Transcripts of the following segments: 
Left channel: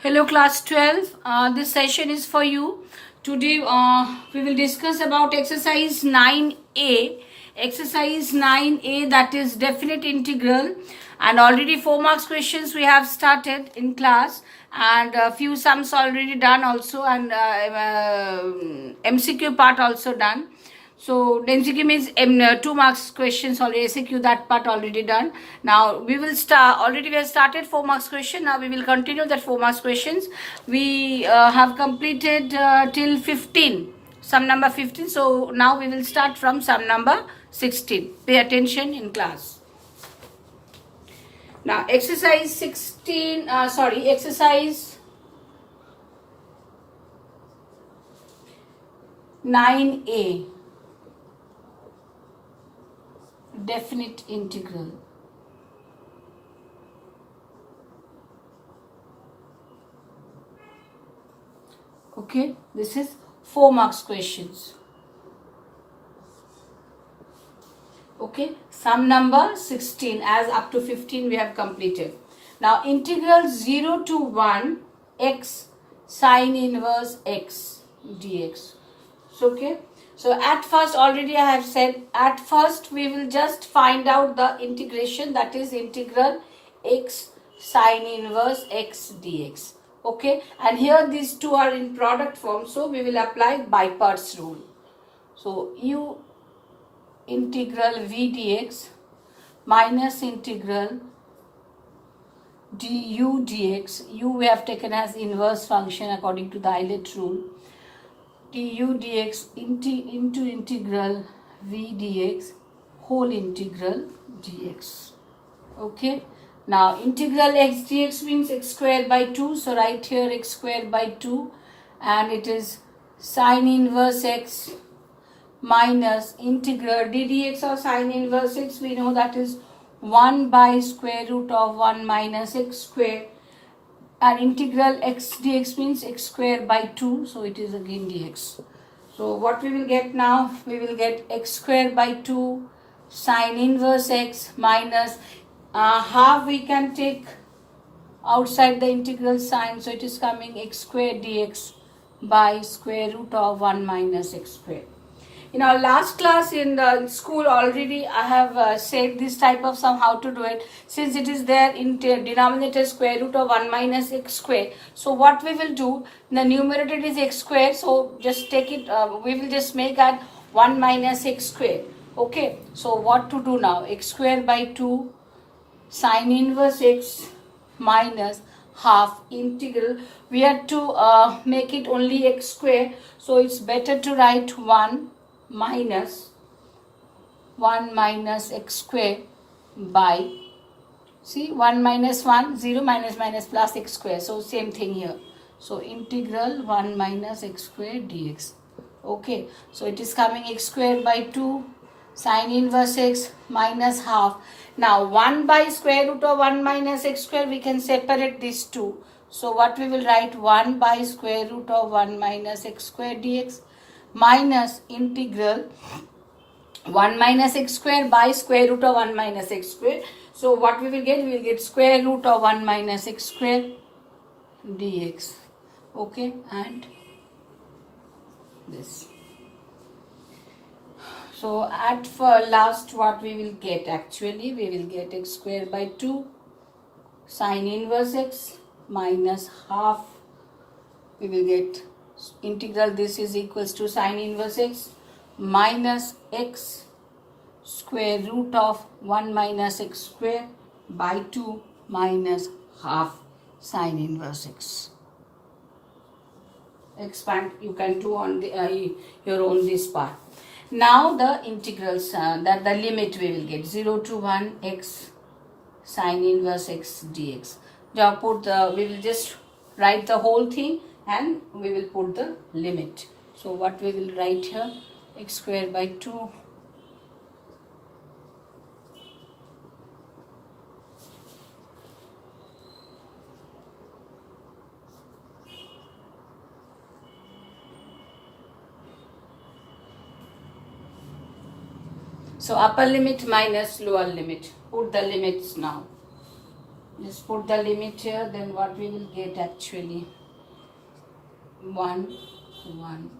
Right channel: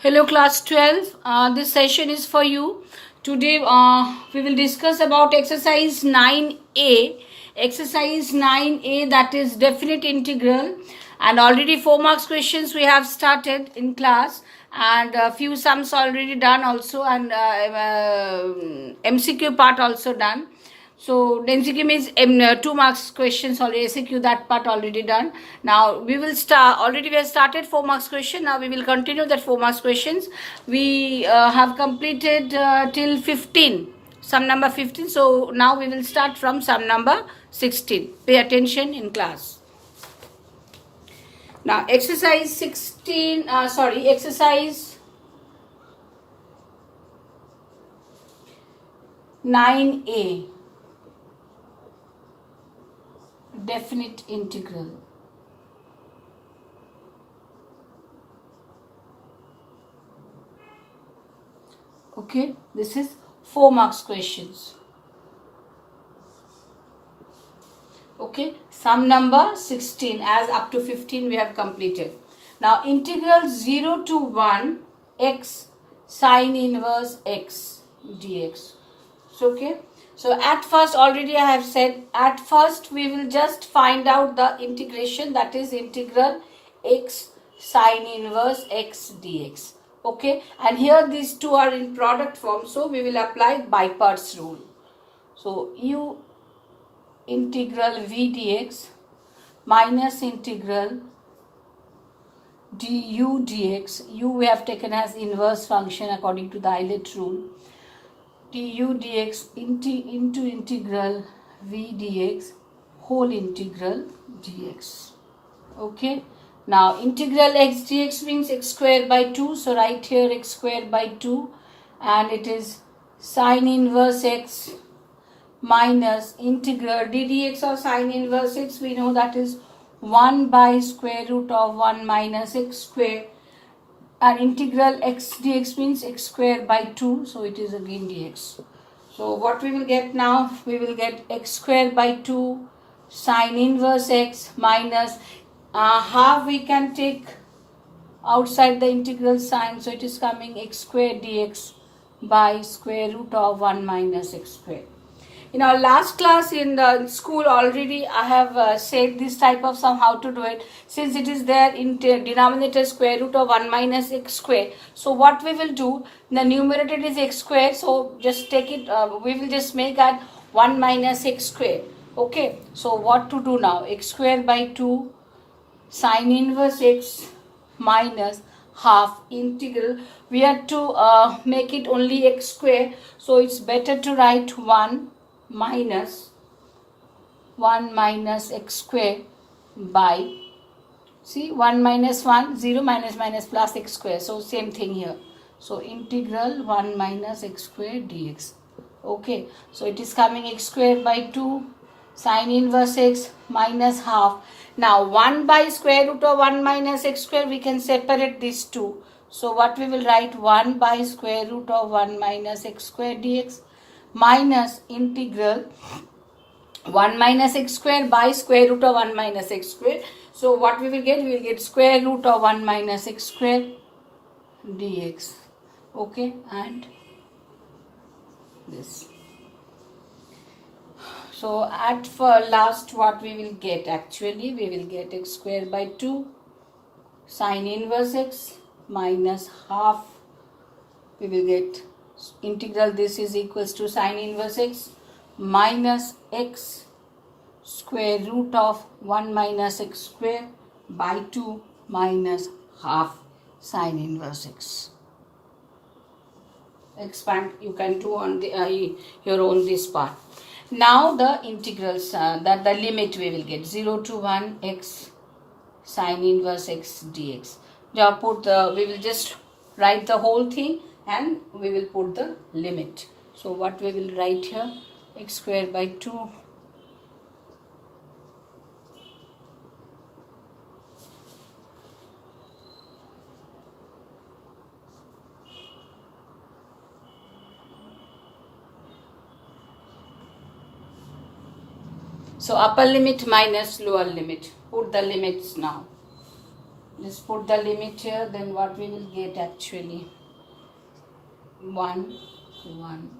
Hello class 12. This session is for you. Today we will discuss about exercise 9A. Exercise 9A, that is definite integral, and already 4 marks questions we have started in class, and a few sums already done also, and MCQ part also done. So MCQ means 2 marks questions already, SQ that part already done. Now we will start, already we have started 4 marks question. Now we will continue that 4 marks questions. We have completed till 15, sum number 15. So now we will start from sum number 16. Pay attention in class. Now exercise 16, exercise 9A. Definite integral. Okay, this is 4 marks questions. Okay, sum number 16, as up to 15 we have completed. Now integral 0 to 1 x sine inverse x dx. So, okay. So at first, already I have said, at first we will just find out the integration, that is integral x sine inverse x dx. Okay, and here these two are in product form, so we will apply by parts rule. So u integral v dx minus integral du dx, u we have taken as inverse function according to the Eilert rule, du dx into integral v dx whole integral dx. Okay, now integral x dx means x square by 2, so write here x square by 2, and it is sine inverse x minus integral d dx of sine inverse x, we know that is 1 by square root of 1 minus x square, and integral x dx means x square by 2, so it is again dx. So what we will get now, we will get x square by 2 sine inverse x minus half we can take outside the integral sign, so it is coming x square dx by square root of 1 minus x square. In our last class in the school already I have said this type of sum how to do it, since it is there in denominator square root of 1 minus x square. So what we will do, the numerator is x square, so just take it, we will just make that 1 minus x square. Okay, so what to do now, x square by 2 sine inverse x minus half integral, we have to make it only x square, so it's better to write 1 minus x square by, see 1 minus 1, 0 minus minus plus x square, so same thing here, so integral 1 minus x square dx. Okay, so it is coming x square by 2 sine inverse x minus half. Now 1 by square root of 1 minus x square, we can separate these two, so what we will write, 1 by square root of 1 minus x square dx minus integral 1 minus x square by square root of 1 minus x square. So what we will get, we will get square root of 1 minus x square dx. Okay, and this. So at last what we will get, actually we will get x square by 2 sine inverse x minus half, we will get integral, this is equals to sine inverse x minus x square root of 1 minus x square by 2 minus half sine inverse x. Expand, you can do on the your own this part. Now the integrals, that the limit we will get 0 to 1 x sine inverse x dx. Now put the, we will just write the whole thing and we will put the limit. So what we will write here, x square by 2 so upper limit minus lower limit, put the limits now. Just put the limit here, then what we will get actually? 1, 1,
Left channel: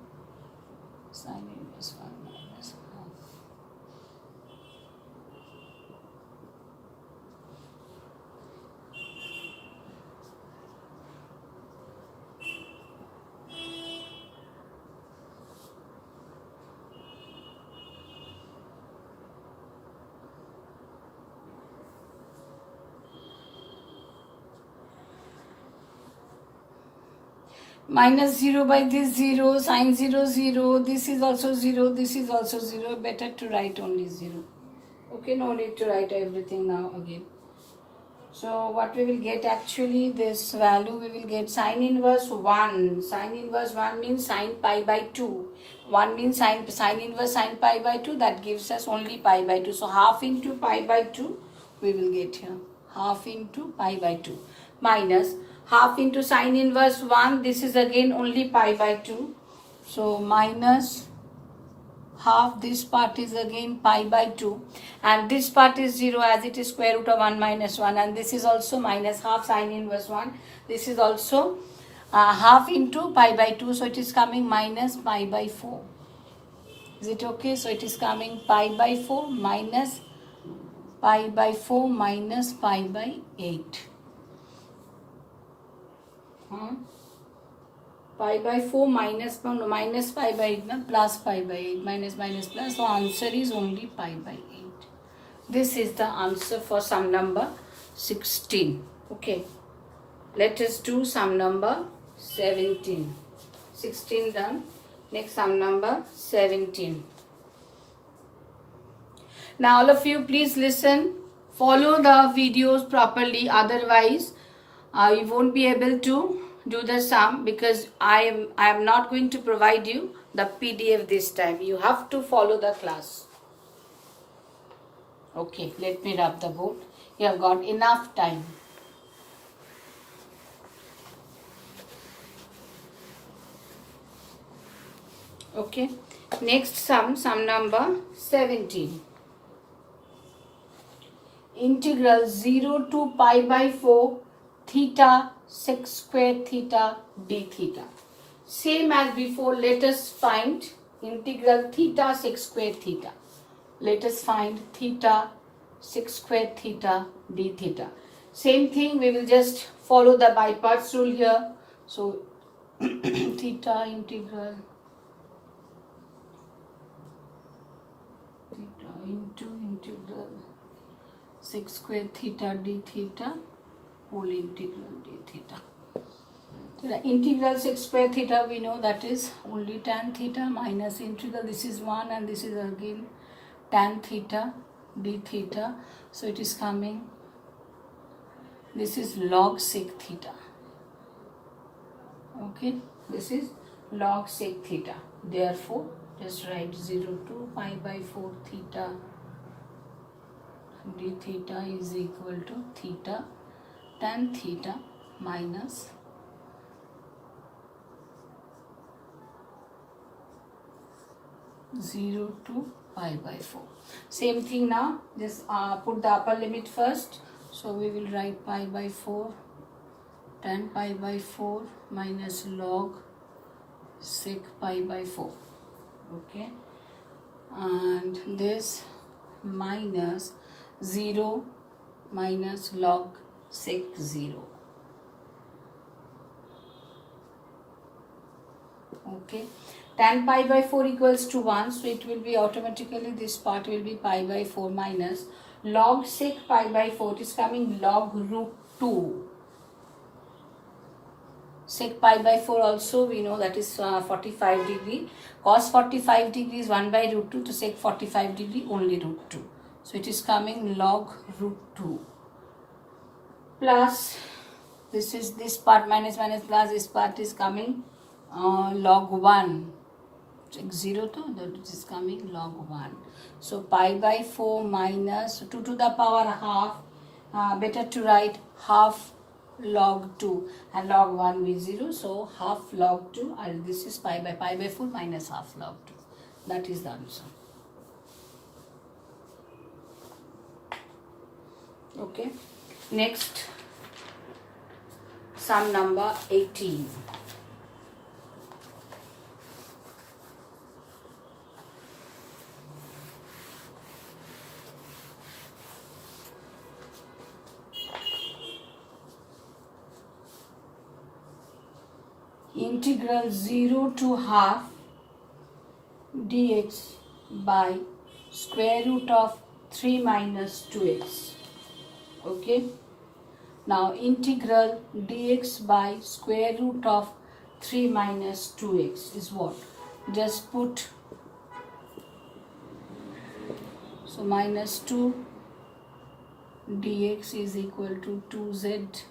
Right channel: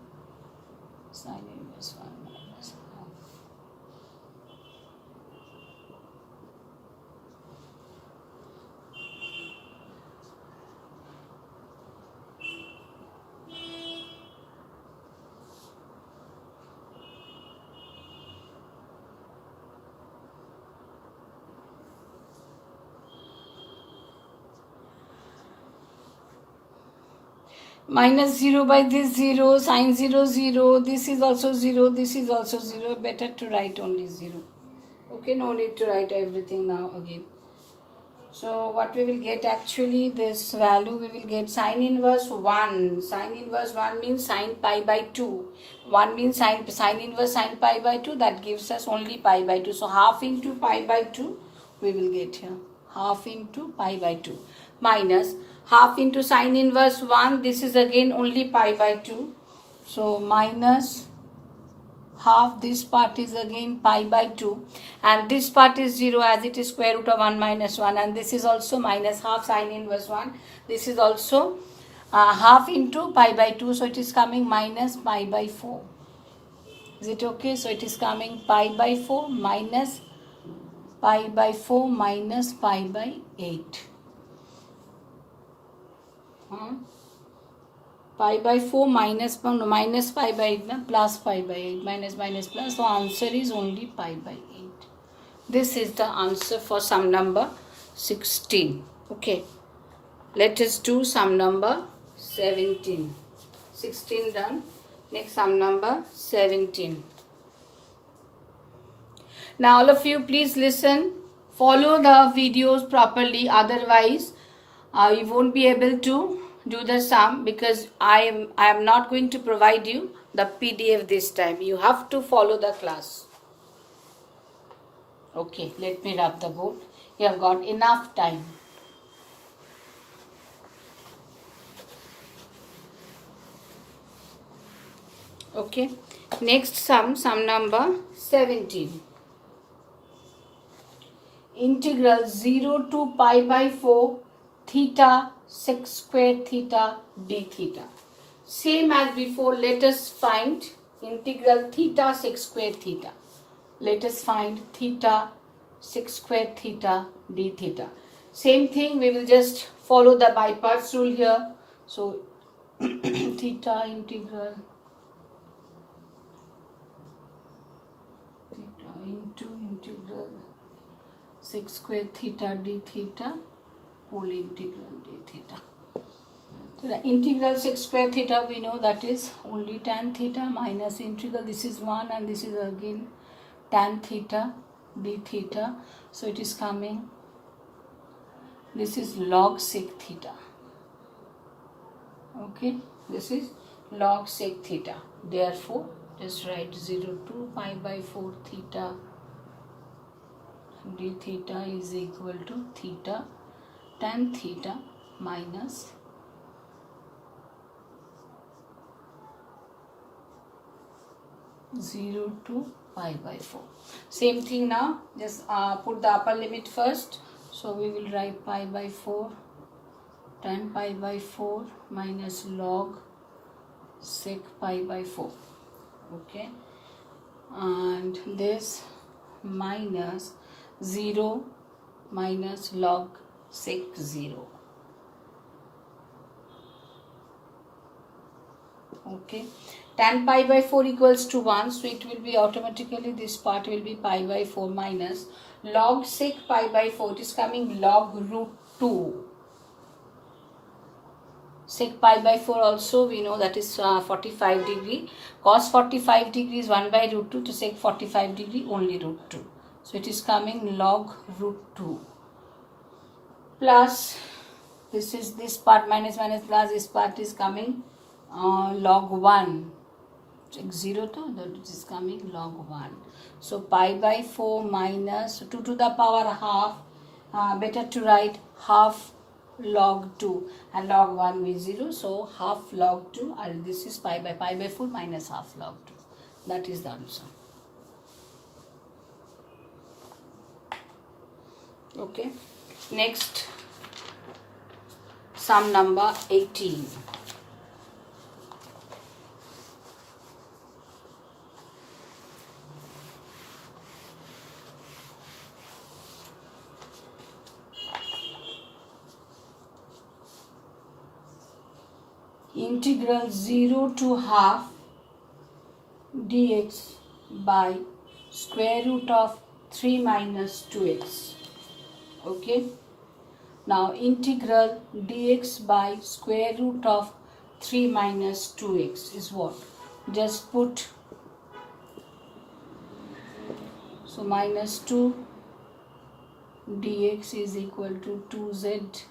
sine inverse 1 minus half. Minus 0 by this 0, sine 0, 0, this is also 0, this is also 0, better to write only 0. Okay, no need to write everything now again. So what we will get actually, this value we will get sine inverse 1. Sine inverse 1 means sine pi by 2. 1 means sine inverse sine pi by 2, that gives us only pi by 2. So half into pi by 2 we will get here. Half into pi by 2 minus half into sine inverse 1, this is again only pi by 2. So minus half, this part is again pi by 2 and this part is 0 as it is square root of 1 minus 1, and this is also minus half sine inverse 1. This is also half into pi by 2, so it is coming minus pi by 4. Is it okay? So it is coming pi by 4 minus pi by 4 minus pi by 8. Pi by 4 minus pi by 8 plus pi by 8, minus plus, so answer is only pi by 8. This is the answer for sum number 16. Okay, let us do sum number 17. 16 done. Next sum number 17. Now all of you please listen, follow the videos properly, otherwise you won't be able to do the sum, because I am not going to provide you the PDF this time. You have to follow the class. Okay, let me rub the board. You have got enough time. Okay, next sum number 17. Integral 0 to pi by 4 theta sec square theta d theta. Same as before, let us find integral theta sec square theta. Let us find theta sec square theta d theta. Same thing, we will just follow the by parts rule here. So theta integral theta into integral sec square theta d theta whole integral d theta. So the integral sec square theta, we know that is only tan theta minus integral, this is 1 and this is again tan theta d theta. So it is coming, this is log sec theta. Okay, this is log sec theta. Therefore, just write 0 to pi by 4 theta d theta is equal to theta tan theta minus zero to pi by 4. Same thing now, just put the upper limit first. So we will write pi by 4 tan pi by 4 minus log sec pi by 4. Okay, and this minus 0 minus log sec 0. Okay, tan pi by 4 equals to 1, so it will be automatically, this part will be pi by 4 minus log sec pi by 4, it is coming log root 2. Sec pi by 4 also we know that is 45 degree. Cos 45 degree is 1 by root 2, to sec 45 degree only root 2. So it is coming log root 2 plus, this is this part minus plus, this part is coming log 1. Check 0 to, that it is coming log 1. So pi by 4 minus 2 to the power half, better to write half log 2 and log 1 is 0, so half log 2, and this is pi by 4 minus half log 2. That is the answer. Okay, next sum number 18. Integral 0 to half dx by square root of 3 minus 2x. Okay. Now integral dx by square root of 3 minus 2x is what? Just put, so minus 2 dx is equal to 2z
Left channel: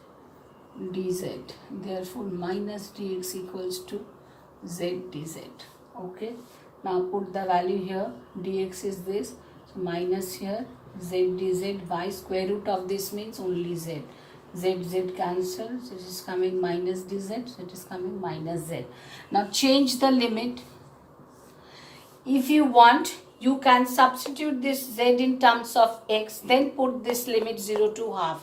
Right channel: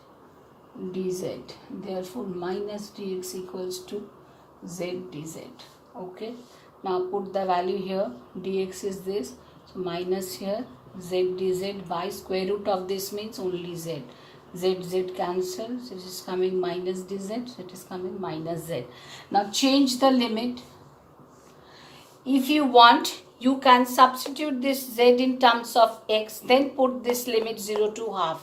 dz. Therefore minus dx equals to z dz. Okay. Now put the value here. Dx is this. So minus here z dz by square root of this means only z. Z cancels. It is coming minus dz. It is coming minus z. Now change the limit. If you want, you can substitute this z in terms of x. Then put this limit 0 to half.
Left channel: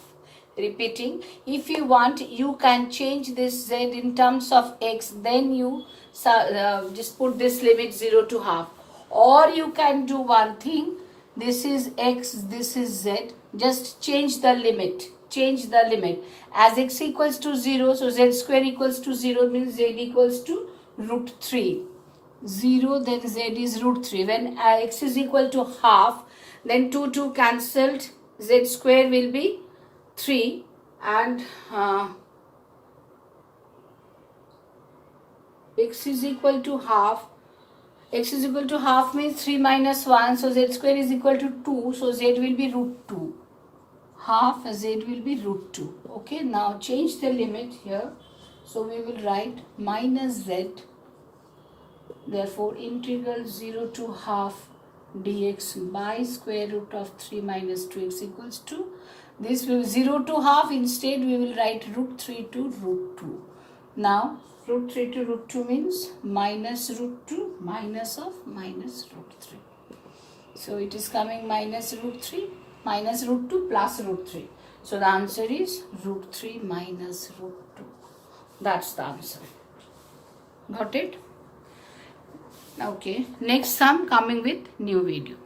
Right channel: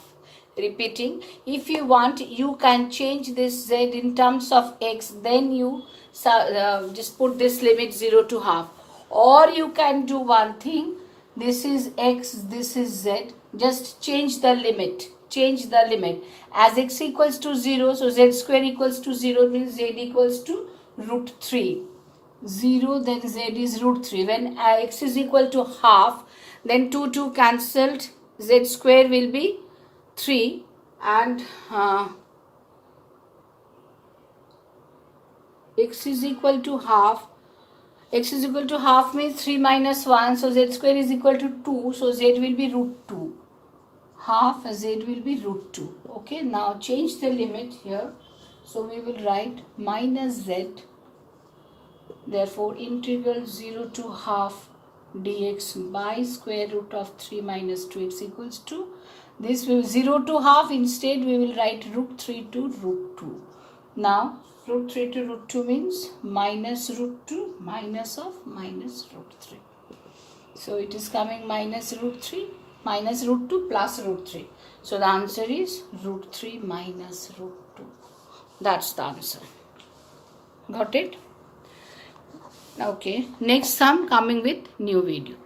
Repeating, if you want, you can change this z in terms of x, then you just put this limit 0 to half. Or you can do one thing, this is x, this is z, just change the limit. Change the limit. As x equals to 0, so z square equals to 0 means z equals to root 3. 0, then z is root 3. When x is equal to half, then 2 cancelled, z square will be 3 and x is equal to half. X is equal to half means 3 minus 1, so z square is equal to 2, so z will be root 2. Half z will be root 2. Okay, now change the limit here. So we will write minus z. Therefore integral 0 to half dx by square root of 3 minus 2x equals to, this will 0 to half, instead we will write root 3 to root 2. Now root 3 to root 2 means minus root 2 minus of minus root 3. So it is coming minus root 3 minus root 2 plus root 3. So the answer is root 3 minus root 2. That's the answer. Got it? Okay. Next sum coming with new video.